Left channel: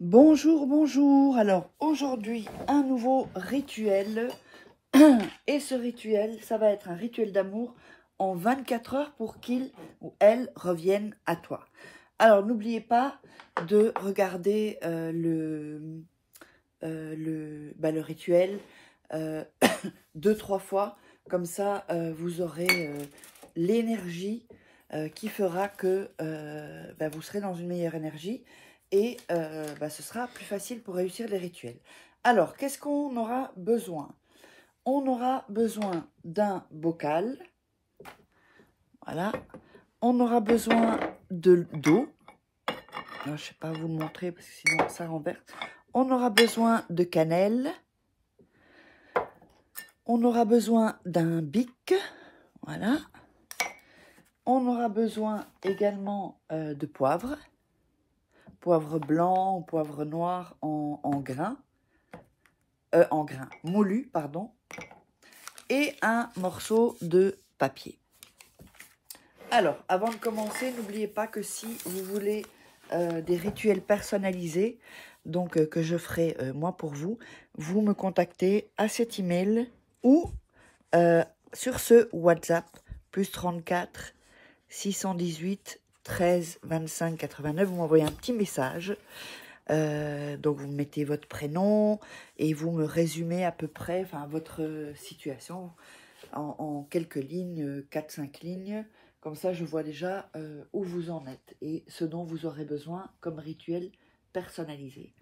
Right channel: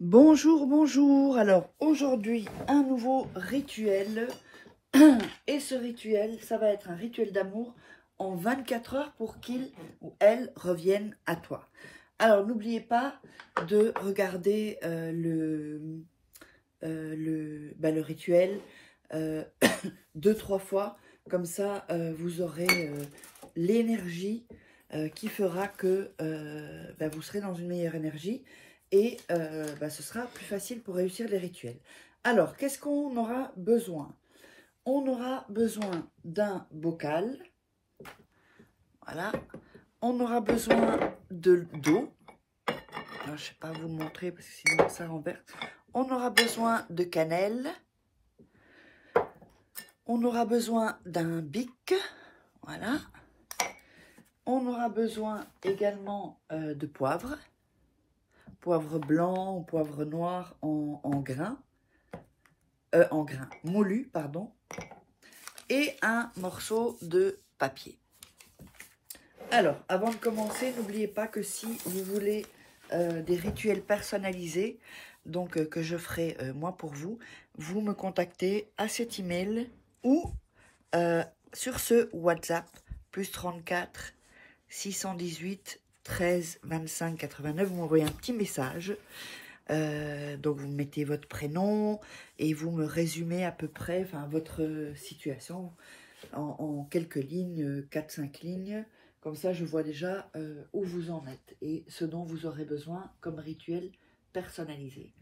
Bonjour, bonjour. Alors aujourd'hui, un nouveau rituel. Et ce rituel, ça va être un rituel d'amour en 24 heures pour qu'il ou elle revienne à toi. Alors n'oubliez pas de regarder le rituel 2-3 fois. Comme ça, vous aurez l'énergie qui fera que vous serez dans une meilleure énergie. Et ce sera plus facile pour réussir les rituels. Alors, qu'est-ce qu'on aura besoin? On aura besoin d'un bocal. Voilà. On aura besoin d'eau. Je ne sais pas vous le montrer parce que sinon ça renverse. On aura besoin de cannelle. On aura besoin d'un bic. Voilà. On aura besoin également de poivre. Poivre blanc ou poivre noir en grains. Moulu, pardon. Et un morceau de papier. Alors, avant de commencer, n'oubliez pas que si vous voulez des rituels personnalisés, donc que je ferai moi pour vous, vous me contactez à cet email ou sur ce WhatsApp, plus 34 618 13 25 89, vous m'envoyez un petit message. Donc vous mettez votre prénom et vous me résumez à peu près votre situation en quelques lignes, 4-5 lignes. Comme ça, je vois déjà où vous en êtes et ce dont vous aurez besoin comme rituel personnalisé.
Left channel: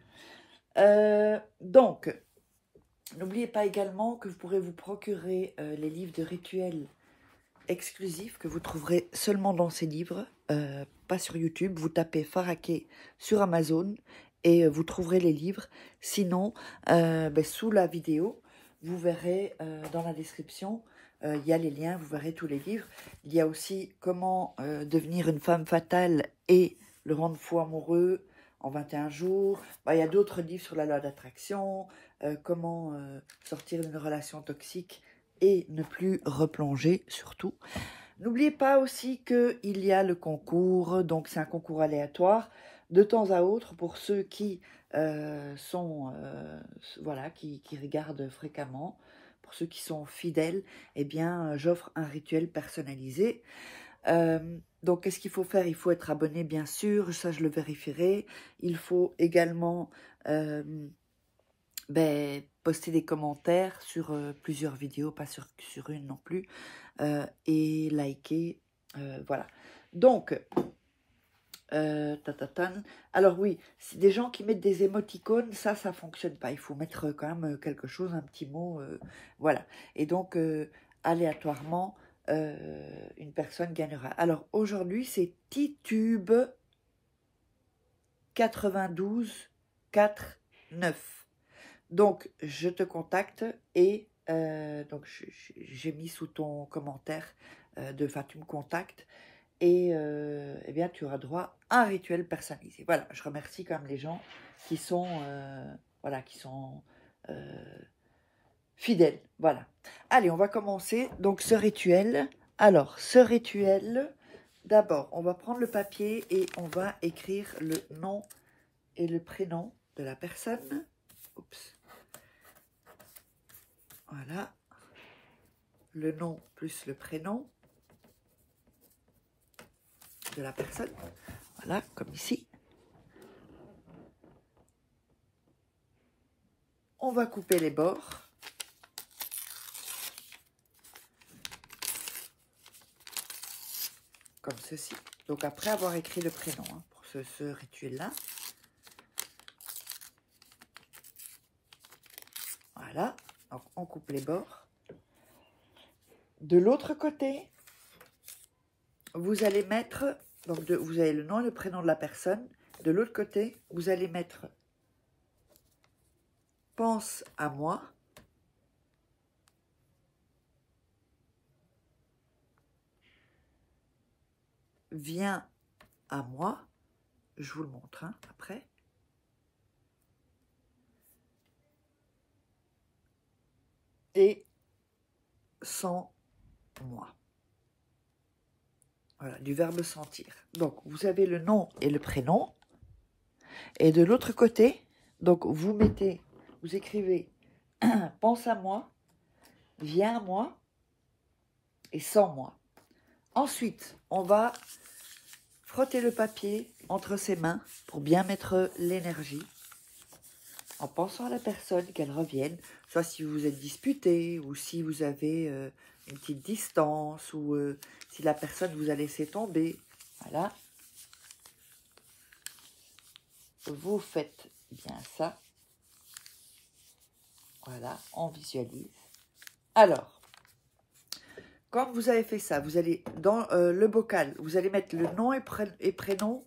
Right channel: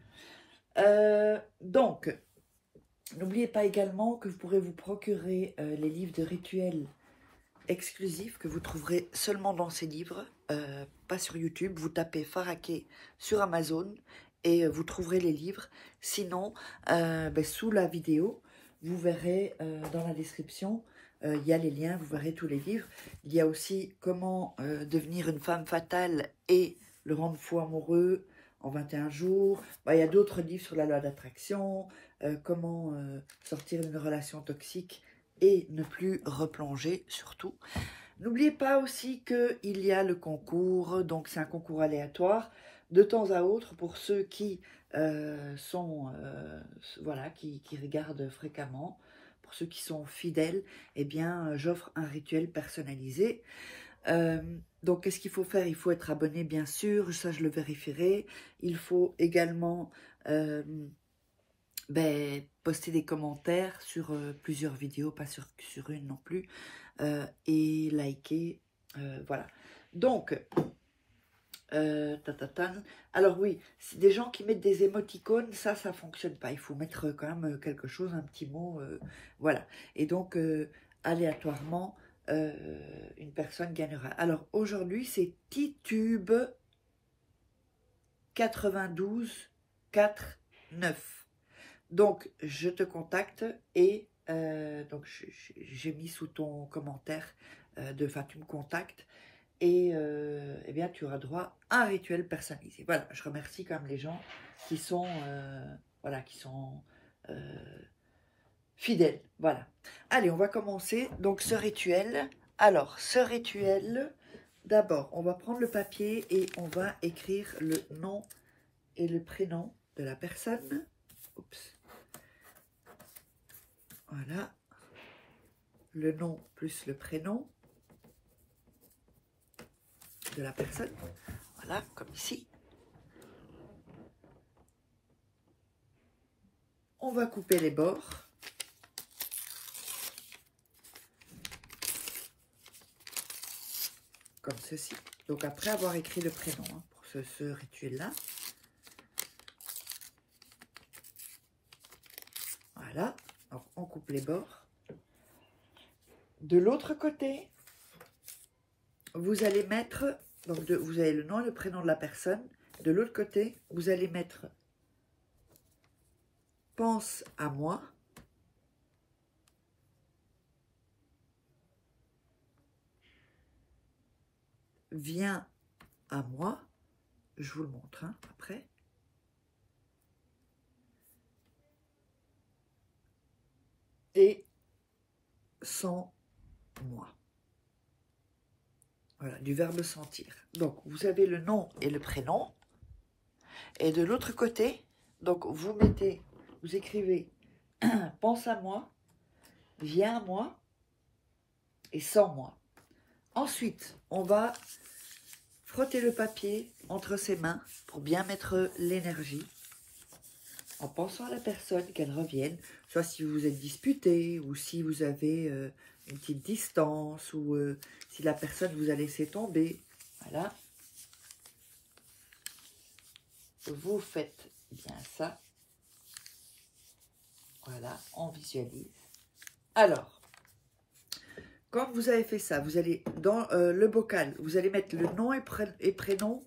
Donc, n'oubliez pas également que vous pourrez vous procurer les livres de rituels exclusifs que vous trouverez seulement dans ces livres, pas sur YouTube. Vous tapez Faraké sur Amazon et vous trouverez les livres. Sinon, sous la vidéo, vous verrez dans la description, il y a les liens, vous verrez tous les livres. Il y a aussi comment devenir une femme fatale et le rendre fou amoureux en 21 jours. Il y a d'autres livres sur la loi d'attraction, comment sortir d'une relation toxique et ne plus replonger surtout. N'oubliez pas aussi qu'il y a le concours, donc c'est un concours aléatoire de temps à autre pour ceux qui qui regardent fréquemment. Pour ceux qui sont fidèles, eh bien j'offre un rituel personnalisé. Donc qu'est-ce qu'il faut faire? Il faut être abonné bien sûr, ça je le vérifierai. Il faut également poster des commentaires sur plusieurs vidéos, pas sur une non plus, et liker, voilà. Donc, alors oui, des gens qui mettent des émoticônes, ça fonctionne pas. Il faut mettre quand même quelque chose, un petit mot, voilà. Et donc, aléatoirement, une personne gagnera. Alors aujourd'hui, c'est Titube 92 49. Donc, je te contacte et donc j'ai mis sous ton commentaire tu me contactes et eh bien tu auras droit à un rituel personnalisé. Voilà, je remercie quand même les gens qui sont fidèles. Voilà. Allez, on va commencer donc ce rituel. Alors, ce rituel, d'abord, on va prendre le papier et on va écrire le nom et le prénom de la personne. Oups. Voilà, le nom plus le prénom de la personne. Voilà, comme ici. On va couper les bords. Comme ceci. Donc après avoir écrit le prénom pour ce rituel-là. Voilà, donc on coupe les bords. De l'autre côté, vous allez mettre, donc vous avez le nom, le prénom de la personne. De l'autre côté, vous allez mettre « Pense à moi ». « Viens à moi ». Je vous le montre après. Et sans moi. Voilà, du verbe sentir. Donc, vous avez le nom et le prénom. Et de l'autre côté, donc vous écrivez pense à moi, viens à moi et sans moi. Ensuite, on va frotter le papier entre ses mains pour bien mettre l'énergie, en pensant à la personne, qu'elle revienne, soit si vous êtes disputé, ou si vous avez une petite distance, ou si la personne vous a laissé tomber. Voilà. Vous faites bien ça. Voilà, on visualise. Alors, quand vous avez fait ça, vous allez dans le bocal, vous allez mettre le nom et prénom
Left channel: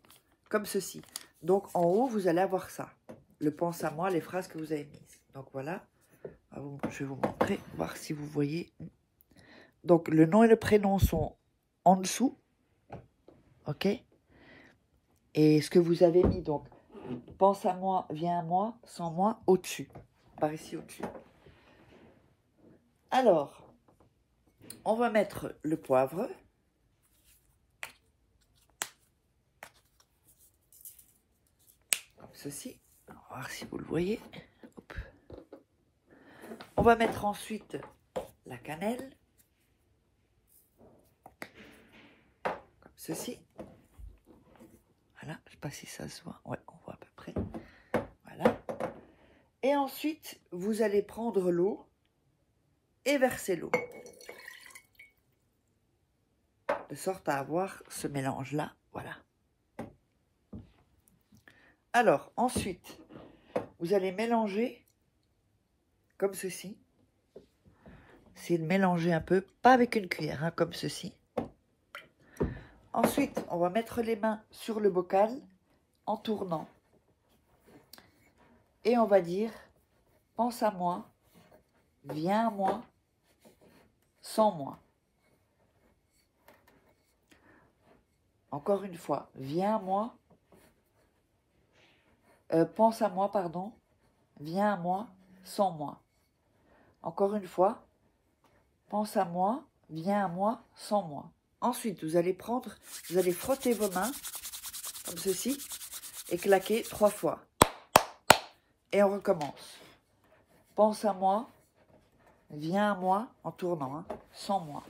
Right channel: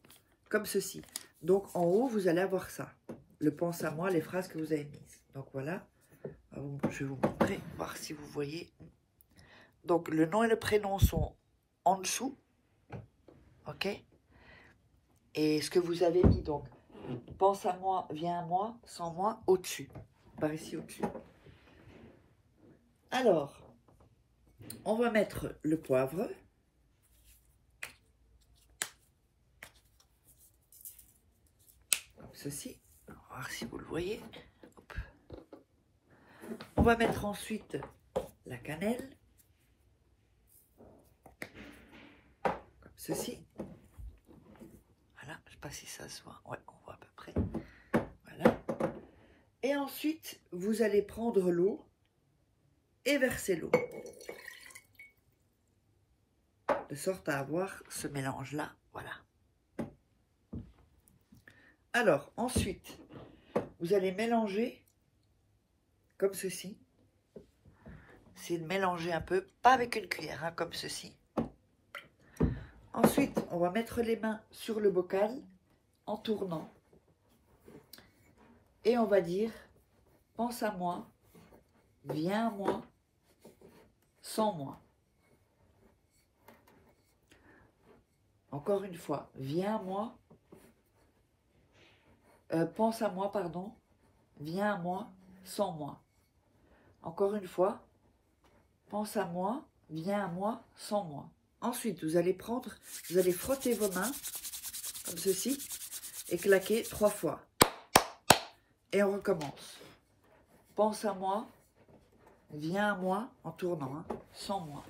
comme ceci. Donc, en haut, vous allez avoir ça. Le pense à moi, les phrases que vous avez mises. Donc, voilà. Je vais vous montrer, voir si vous voyez. Donc, le nom et le prénom sont en dessous. OK? Et ce que vous avez mis, donc, pense à moi, viens à moi, sans moi, au-dessus. Par ici, au-dessus. Alors, on va mettre le poivre. Comme ceci. On va voir si vous le voyez. Hop. On va mettre ensuite la cannelle. Comme ceci. Voilà, je ne sais pas si ça se voit. Ouais, on voit à peu près. Voilà. Et ensuite, vous allez prendre l'eau et verser l'eau. De sorte à avoir ce mélange-là. Voilà. Alors, ensuite, vous allez mélanger comme ceci. Essayez de mélanger un peu, pas avec une cuillère, hein, comme ceci. Ensuite, on va mettre les mains sur le bocal en tournant. Et on va dire, pense à moi, viens à moi, sans moi. Encore une fois, viens à moi, pense à moi, pardon, viens à moi, sans moi. Encore une fois, pense à moi, viens à moi, sans moi. Ensuite, vous allez frotter vos mains, comme ceci, et claquer 3 fois. Et on recommence. Pense à moi, viens à moi, en tournant, hein, sans moi.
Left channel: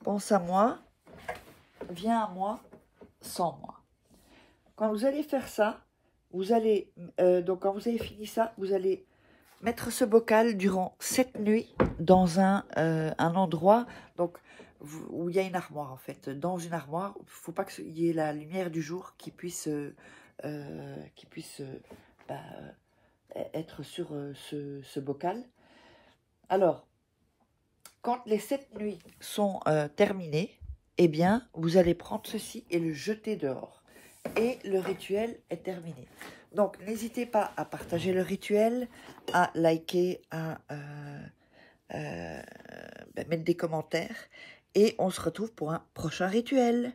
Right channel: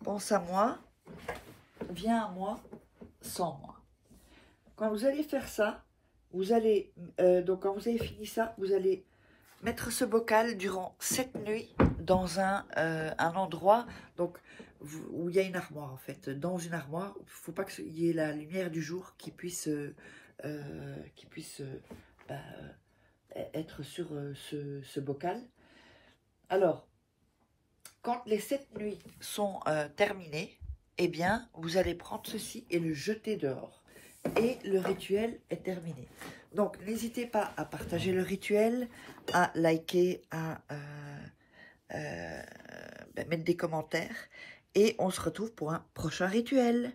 Pense à moi, viens à moi, sans moi. Quand vous allez faire ça, vous allez, donc quand vous avez fini ça, vous allez mettre ce bocal durant 7 nuits dans un endroit donc, où il y a une armoire en fait. Dans une armoire, il ne faut pas qu'il y ait la lumière du jour qui puisse être sur ce bocal. Alors, quand les 7 nuits sont terminées, eh bien, vous allez prendre ceci et le jeter dehors. Et le rituel est terminé. Donc, n'hésitez pas à partager le rituel, à liker, à mettre des commentaires. Et on se retrouve pour un prochain rituel.